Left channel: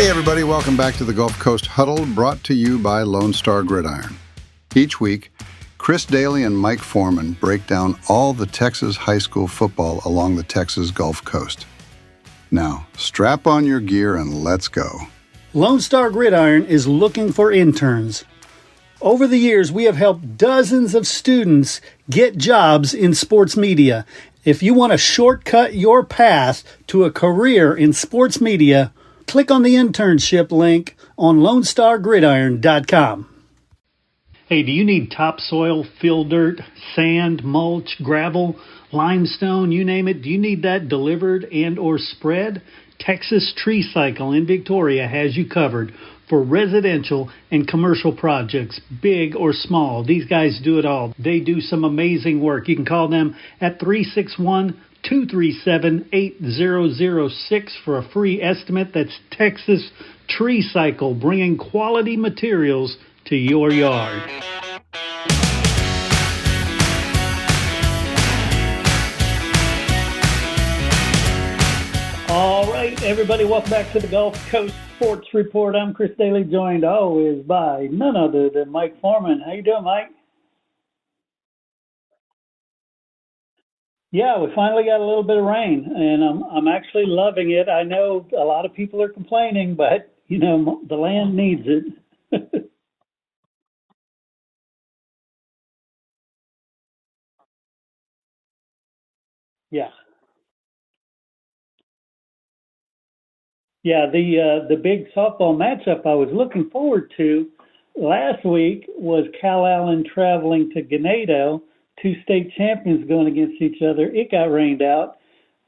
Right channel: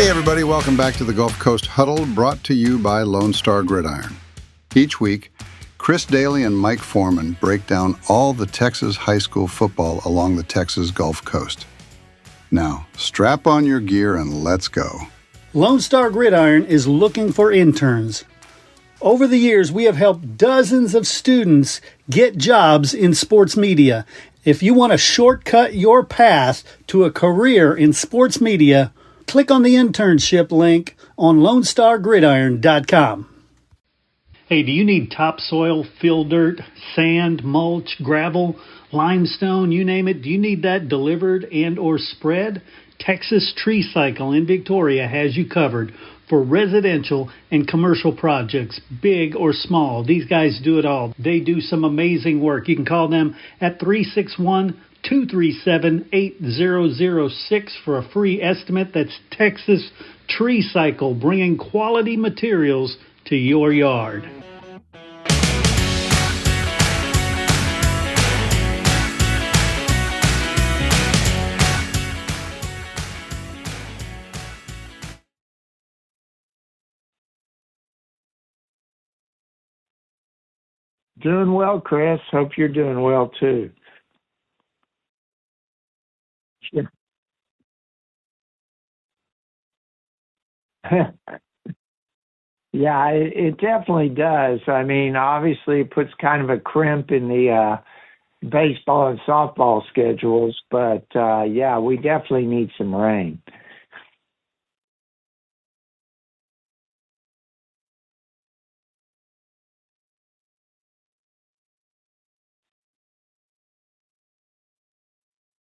Hey everybody, welcome back to the Gulf Coast Huddle, brought to you by Lone Star Gridiron. Each week, Chris Daly and Mike Foreman break down all the Texas high school football along the Texas Gulf Coast. Now, strap on your gear and let's go. Lone Star Gridiron is looking for interns. Over the years, we have helped dozens of students get jobs in sports media. If you want to shortcut your path to a career in sports media, click on the internship link on LoneStarGridiron.com. Hey, do you need topsoil, fill dirt, sand, mulch, gravel, limestone, you name it? Do you need that delivered and or spread? Texas Tree Cycle in Victoria has you covered for residential and commercial projects, big or small. These guys do it all. They do some amazing work. You can call them at 361-237-8006 for a free estimate. That's Texas Tree Cycle, bringing quality materials to your yard. All right, everybody, welcome back to the Gulf Coast Sports Report. I'm Chris Daly, joined always by none other than Mike Foreman. How you doing, Mike? Doing well, Chris. Hope you're doing well too. Yeah, we finally got a little bit of rain, and I'm actually loving it. I know a lot of people are complaining, but the land needs it. Yeah, it definitely does. I mean, obviously it puts kind of a crimp in the baseball and softball schedules, but we definitely need some rain. Yeah, the big softball matchup I was looking forward to last week was Cal Allen traveling to Ganado, two state champions going against each other. It got rained out.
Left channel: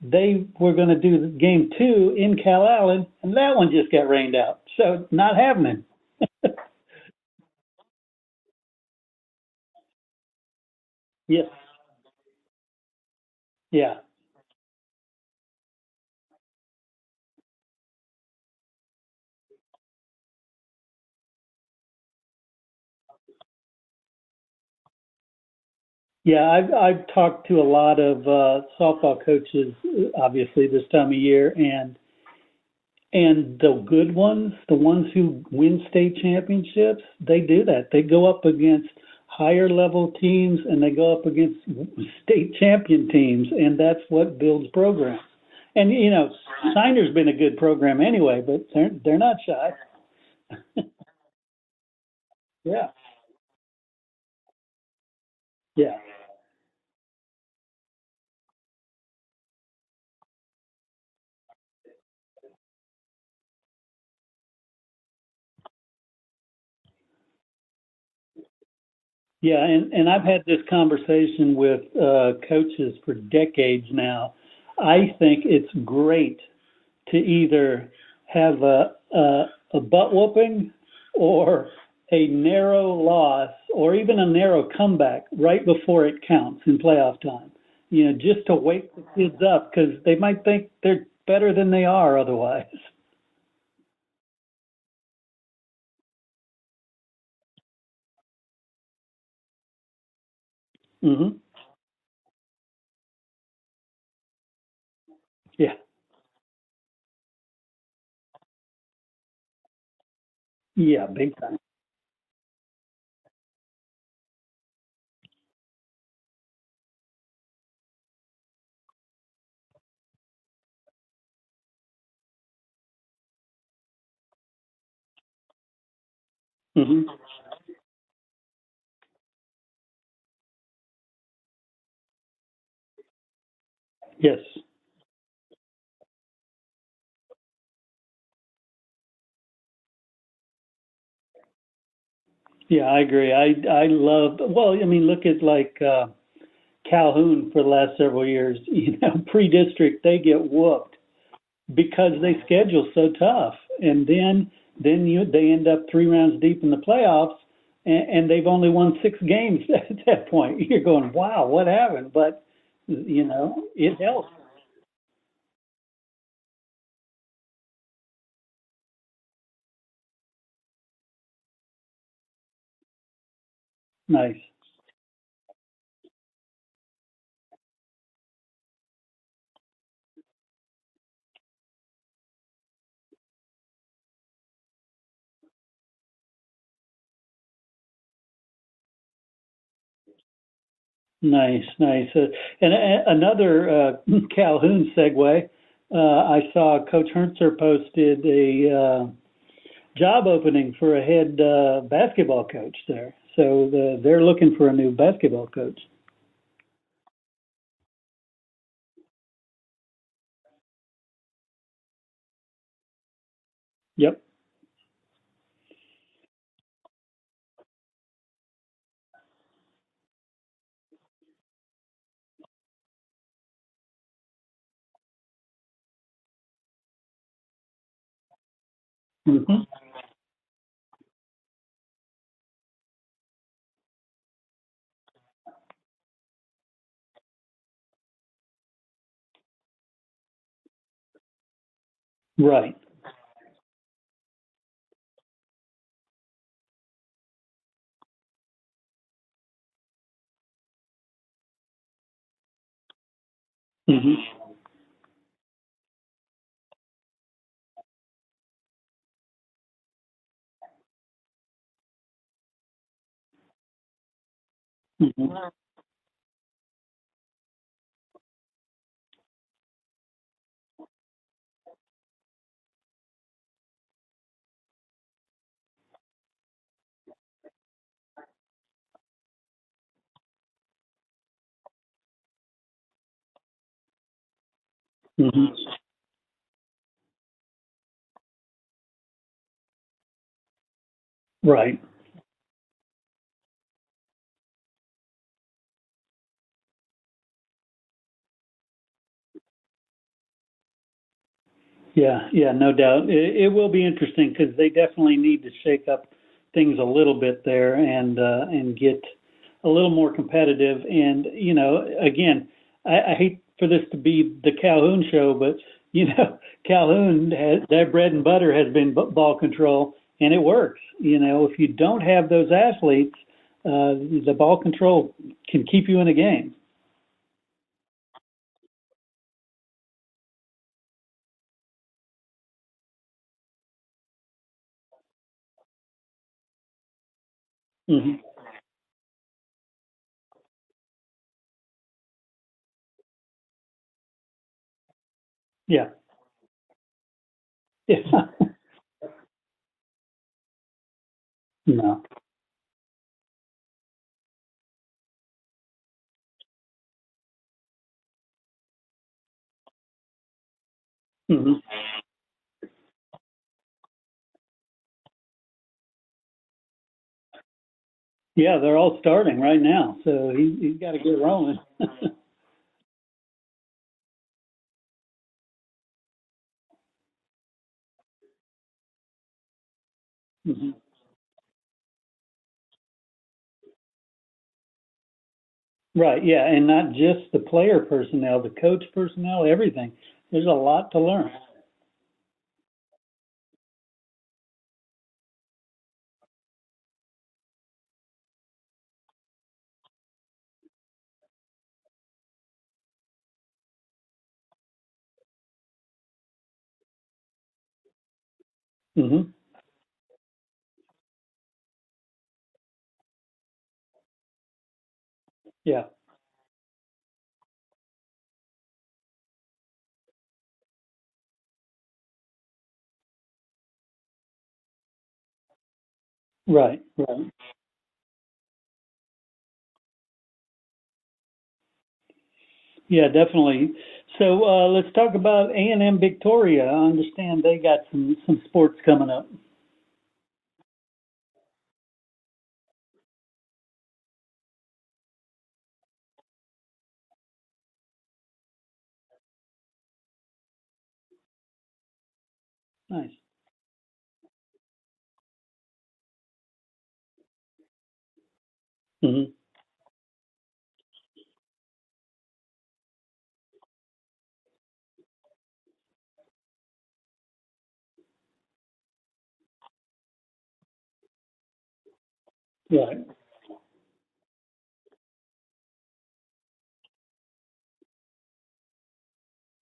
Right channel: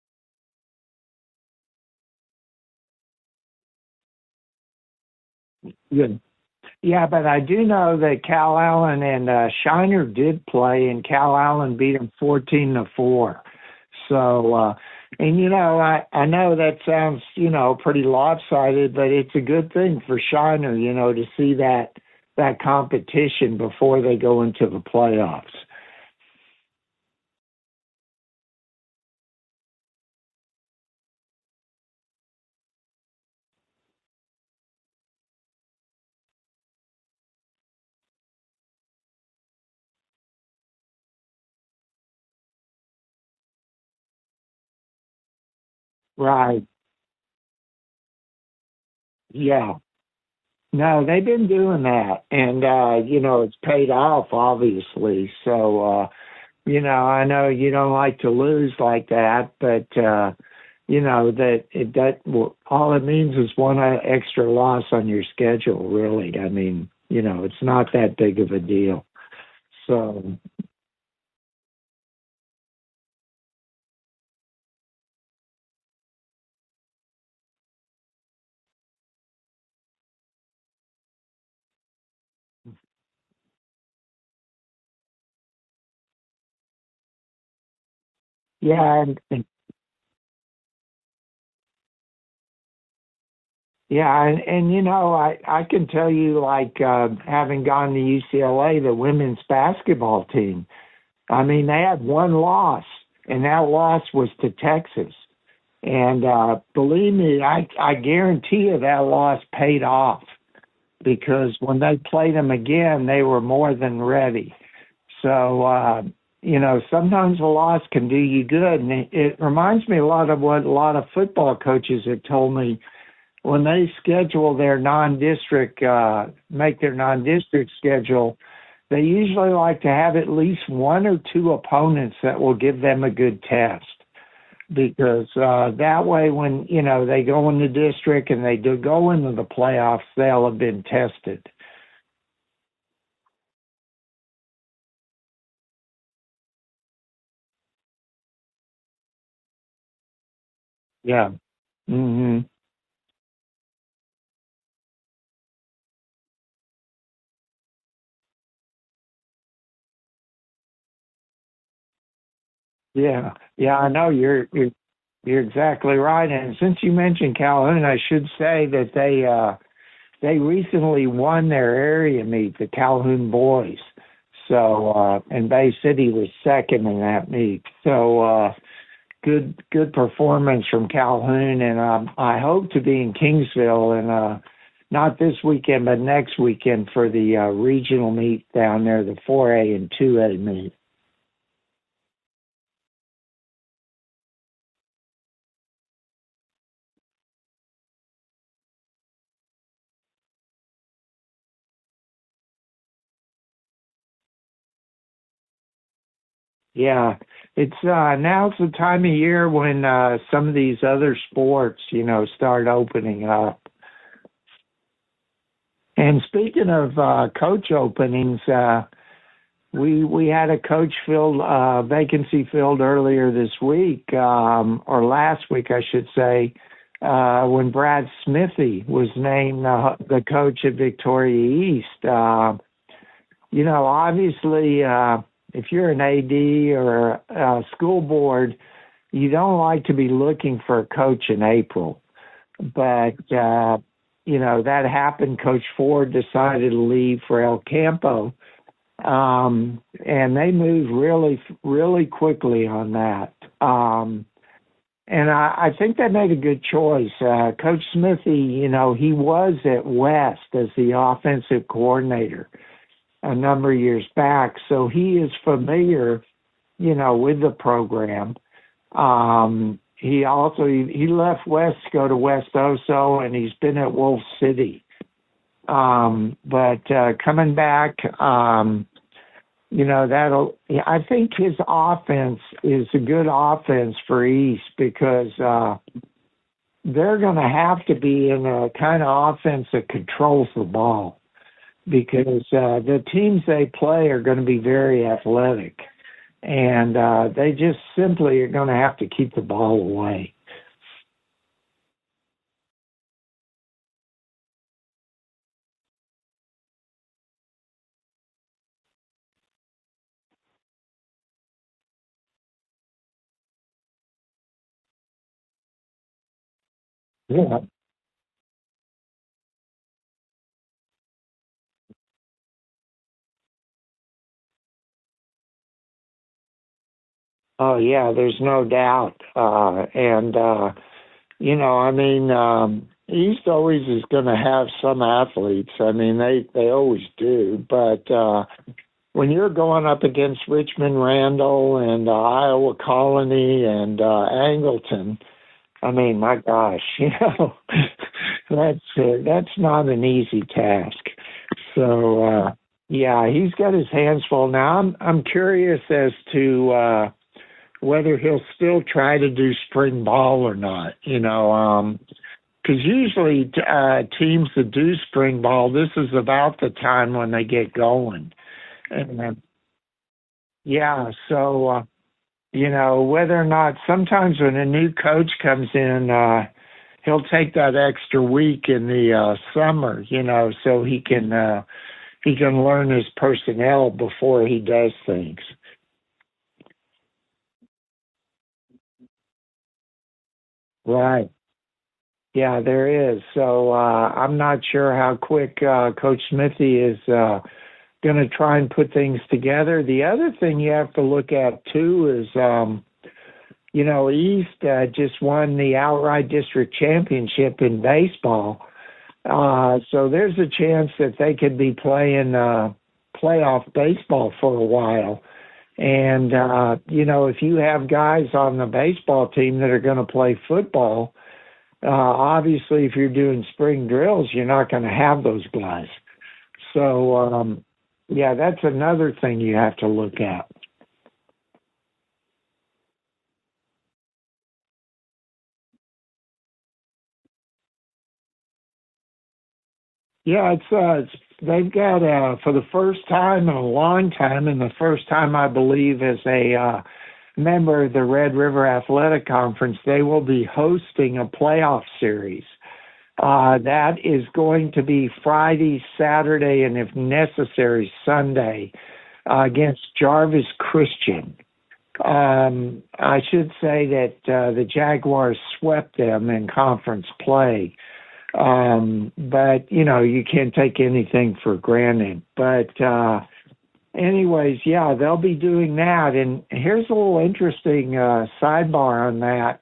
They were going to do game 2 in Cal Allen, and that one just got rained out. So not happening. Good. Yeah, but I do know that Cal Allen and Shiner did play, and Cal Allen beat them 14-4. Yeah. So, I know that sounds, pretty lopsided, but it's a good thing for Shiner, to see that competition before they go into the playoffs. Yeah, I've talked to a lot of softball coaches, obviously this time of year, and the good ones, the ones who win state championships, they do that. They go up against higher level teams and they go up against state champion teams, and that's what builds programs. And right. Shiner's been a good program anyway, but they're not. Yeah. No, they've been doing that, and it's paid off, obviously. So, I know you don't like to lose like that, but all it means is one extra loss on your schedule. Really, I mean, it's not that big of a deal. Yeah, and I've had this conversation with coaches for decades now. I think it's great to either have a butt whooping or a narrow loss or even a narrow comeback right before it counts in playoff time. Just to wake kids up, because they might think they're better than they are otherwise. Yeah, and I can tell you, like, having gone to UCLA, the women's basketball team, I mean, they had one loss, and that loss was to Texas. Yeah. And believe me, I guarantee you that loss paid off. Yeah. Because when they played them again, they were more than ready. So, sometimes a loss can do you good. And it reminds me a lot of what a lot of football coaches have told me when they schedule their non-district, make their non-district schedule. They usually like to have at least one or two opponents that will give them a good test. Yes. Because that way when, they go in the district and they do go into the playoffs, they'll have been tested. Yeah, I agree. I love, look at like Calhoun for the last several years, pre-district, they get whooped. Yeah. Because they schedule so tough. And then they end up 3 rounds deep in the playoffs, and they've only won 6 games at that point. You're going, wow, what happened? But I know you're exactly right. And since you mentioned Calhoun, I should say that they recently won their area meet, the Calhoun boys. Nice. So and Bay City was second in that meet. So good performance from Calhoun, and I hope to be in Kingsville and not this weekend, but next weekend for the regional meet down there, the 4A and 2A meet. Nice. And another Calhoun segue. I saw Coach Herntzer posted a job opening for a head basketball coach there. So they're looking for a new basketball coach. Yeah, it's now's the time of year when some of these other sports, start opening up. Yep. And speaking of coach openings, we had a coach vacancy filled earlier this week, or last week, I should say, when Brad Smithy was named the coach at Victoria East. Obviously, if you're an AD or a school board, you don't like to be looking for a coach in April. Right. But, that happened. Coach Ford decided to leave for El Campo. And they moved really, really quickly on that. And I think they made a good choice. Coach Smithy, he was at West as the offensive coordinator a number of years back, so he is familiar, with the program. He left West to go to West Oso, and he's been at Wolf City. But coming back, I think his offense is a good offense for East because they're going to have to be in a kind of offense that controls the ball. Right. Because the teams they play are going to be very athletic, and they just simply are going to have to keep the ball away. Yeah, no doubt. It will be interesting because they definitely need to shake up things a little bit there and get a little more competitive. And, again, I hate for this to be the Calhoun show, but, Calhoun, their bread and butter has been ball control, and it works. If you don't have those athletes, the ball control can keep you in a game. Oh, yeah, there's no doubt. East always is going to have some athletes. They always do. But when you're going up against Richmond Randall and Iowa Colony and Angleton, my gosh, that's not an easy task. So, he's got his hands full. Now, I'm curious as to whether he'll still try to do spring ball or not, because usually teams that do spring ball, this is about the time when they get going. Yeah, they're all starting right now. So whether or not sometimes when a new coach comes in, he'll take that extra week in the summer, so he can learn his personnel before he does things. Right, yeah, and not just the player personnel, the coach personnel, everything. There's a lot to learn. Yeah, there is. So I'm not sure how quick Coach Smithy is going to try and put things together. The other thing you have to look at, too, is, East just won the outright district championship in baseball. So there's a chance that they could be playing playoff baseball for a while. Yeah. And, if you have guys on the baseball team that are going to play football, obviously if you're doing spring drills, you're not going to have those guys. Right. So, that's another thing you have to look at. Yeah, definitely. So let's talk about A&M Victoria. I understand they got some sports coming up. Yeah, they've got for the first time in a long time, and the first time I believe as a member of the Red River Athletic Conference, they will be hosting a playoff series. Nice. That is going to be Friday, Saturday, and if necessary, Sunday against Jarvis Christian. I should say that the Jaguars swept them in conference play. But, you can't take anything for granted. But, anyways, yeah, they'll be doing that. And here's a little interesting sidebar on that.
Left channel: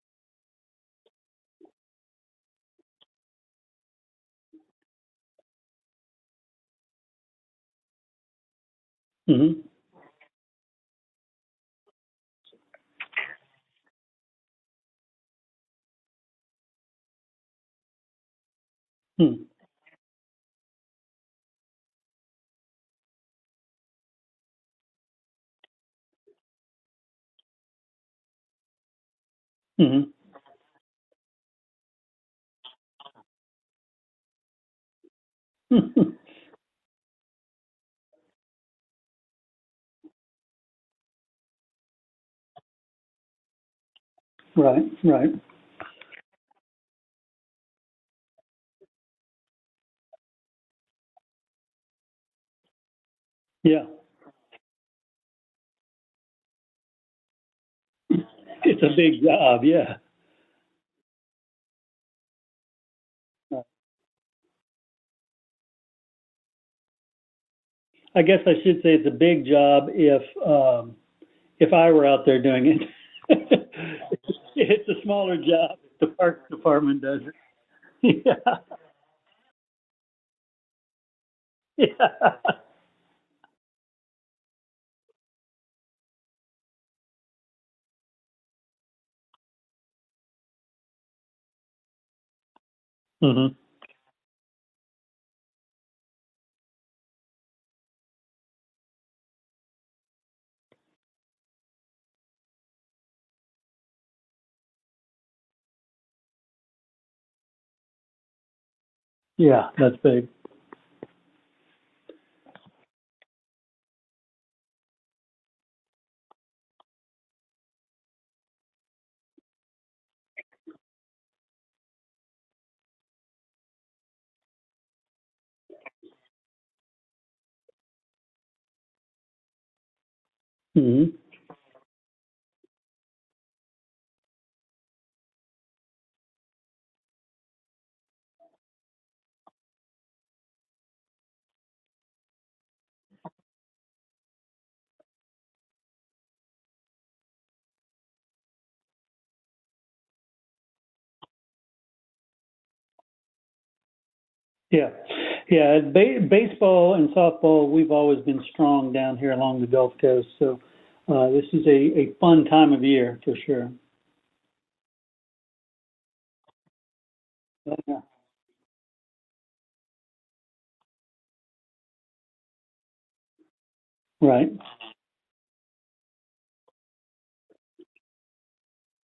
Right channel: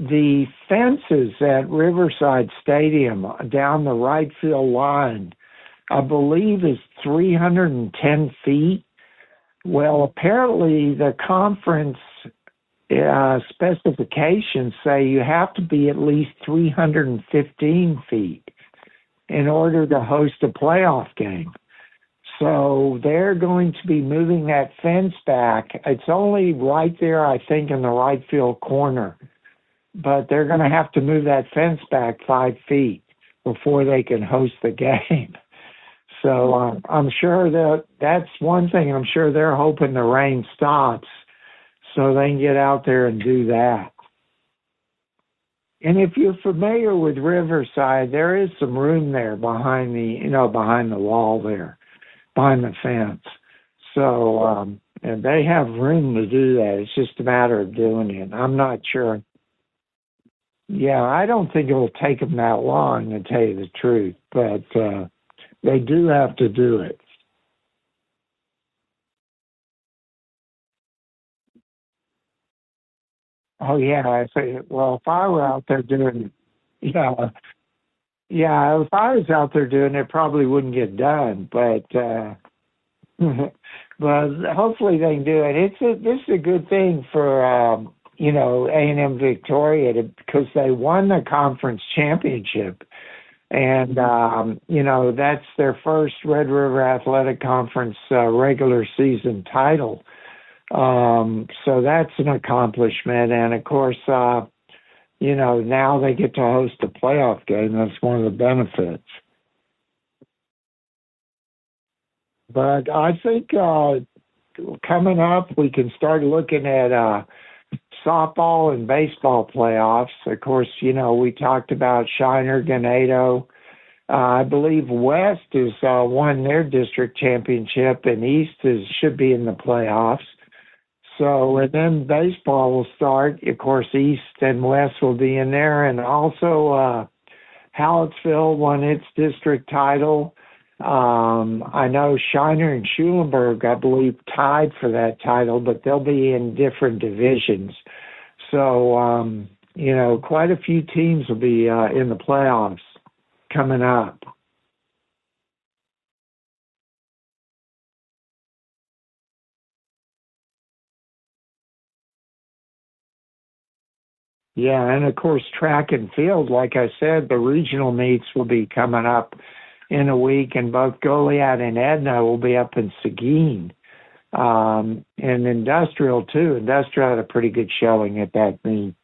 The fences at Riverside Stadium down the right field line, I believe, is 310 feet. Mm-hmm. Well, apparently the conference specifications say you have to be at least 315 feet in order to host a playoff game. So they're going to be moving that fence back. It's only right there, I think, in the right field corner. Mm-hmm. But they're going to have to move that fence back 5 feet before they can host the game. So I'm sure that's one thing. I'm sure they're hoping the rain stops so they can get out there and do that. Right. And if you're familiar with Riverside, there is some room there behind the wall there, behind the fence. Yeah. So and they have room to do that. It's just a matter of doing it. I'm not sure. It's a big job, yeah. Yeah, I don't think it'll take them that long, to tell you the truth, but they do have to do it. I guess I should say it's a big job if I were out there doing it. Oh yeah, if I were out there doing it, yeah, if I was out there doing it, it probably wouldn't get done. But but hopefully they can do it. This is a good thing for A&M Victoria because they won the conference championship. Mm-hmm. And, that's their first Red River Athletic Conference regular season title. So that's an accomplishment. And, of course, now they get to host a playoff game. That's one of the benefits. Yeah, that's big. But I think coming up, we can start looking at softball and baseball playoffs. Of course, we talked about Shiner, Ganado. I believe West has won their district championship, and East should be in the playoffs. Mm-hmm. So, and then baseball will start. Of course, East and West will be in there, and also Hallettsville won its district title. I know Shiner and Schulenburg, I believe, tied for that title, but they'll be in different divisions. So, quite a few teams will be in the playoffs coming up. Yeah. Baseball and softball, we've always been strong down here along the Gulf Coast. So this is a fun time of year for sure. Yeah, and of course, track and field, like I said, the regional meets will be coming up in a week, and both Goliad and Edna will be up in Seguin. Right. And Industrial, too. Industrial had a pretty good showing at that meet.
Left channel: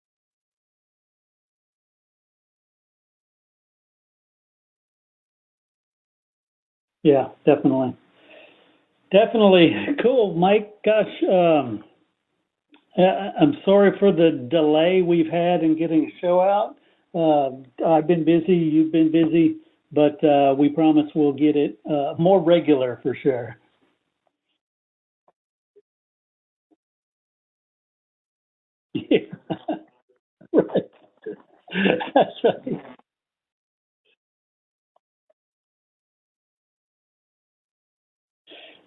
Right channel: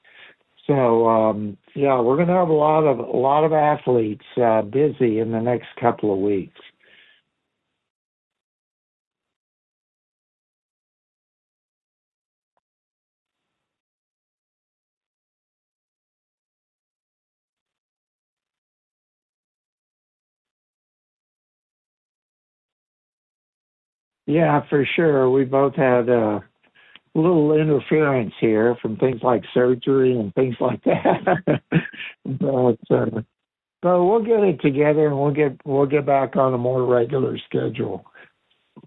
So, we're going to have a lot of athletes busy in the next couple of weeks. Yeah, definitely. Cool, Mike. Gosh, I'm sorry for the delay we've had in getting a show out. I've been busy. You've been busy. But we promise we'll get it more regular for sure. Yeah, for sure. We both had a little interference here from things like surgery and things like that. But we'll get it together and we'll get back on a more regular schedule.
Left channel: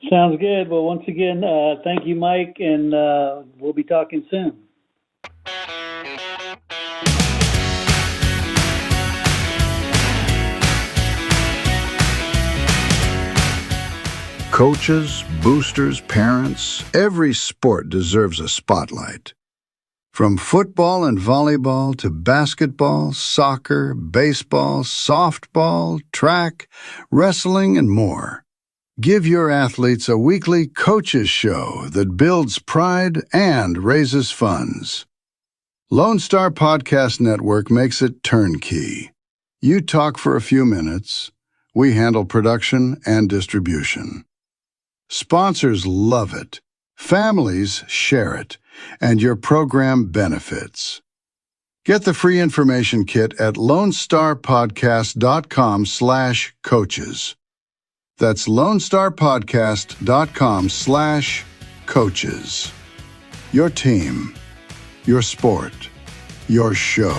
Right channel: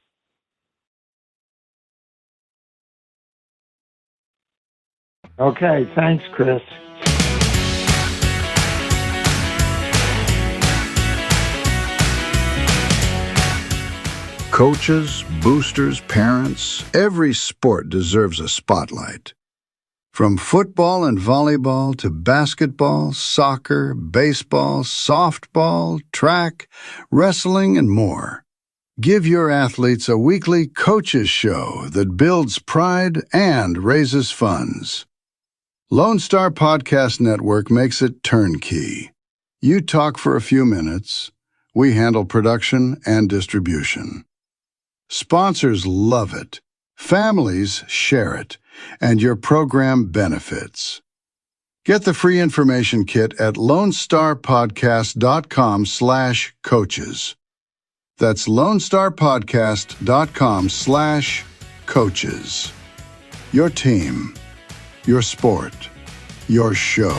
Sounds good. Well, once again, thank you, Mike, and we'll be talking soon. Okay, thanks, Chris. Coaches, boosters, parents, every sport deserves a spotlight. From football and volleyball to basketball, soccer, baseball, softball, track, wrestling, and more. Give your athletes a weekly coaches show that builds pride and raises funds. Lone Star Podcast Network makes it turnkey. You talk for a few minutes. We handle production and distribution. Sponsors love it, families share it, and your program benefits. Get the free information kit at lonestarpodcast.com/coaches. That's lonestarpodcast.com/coaches. Your team, your sport, your show.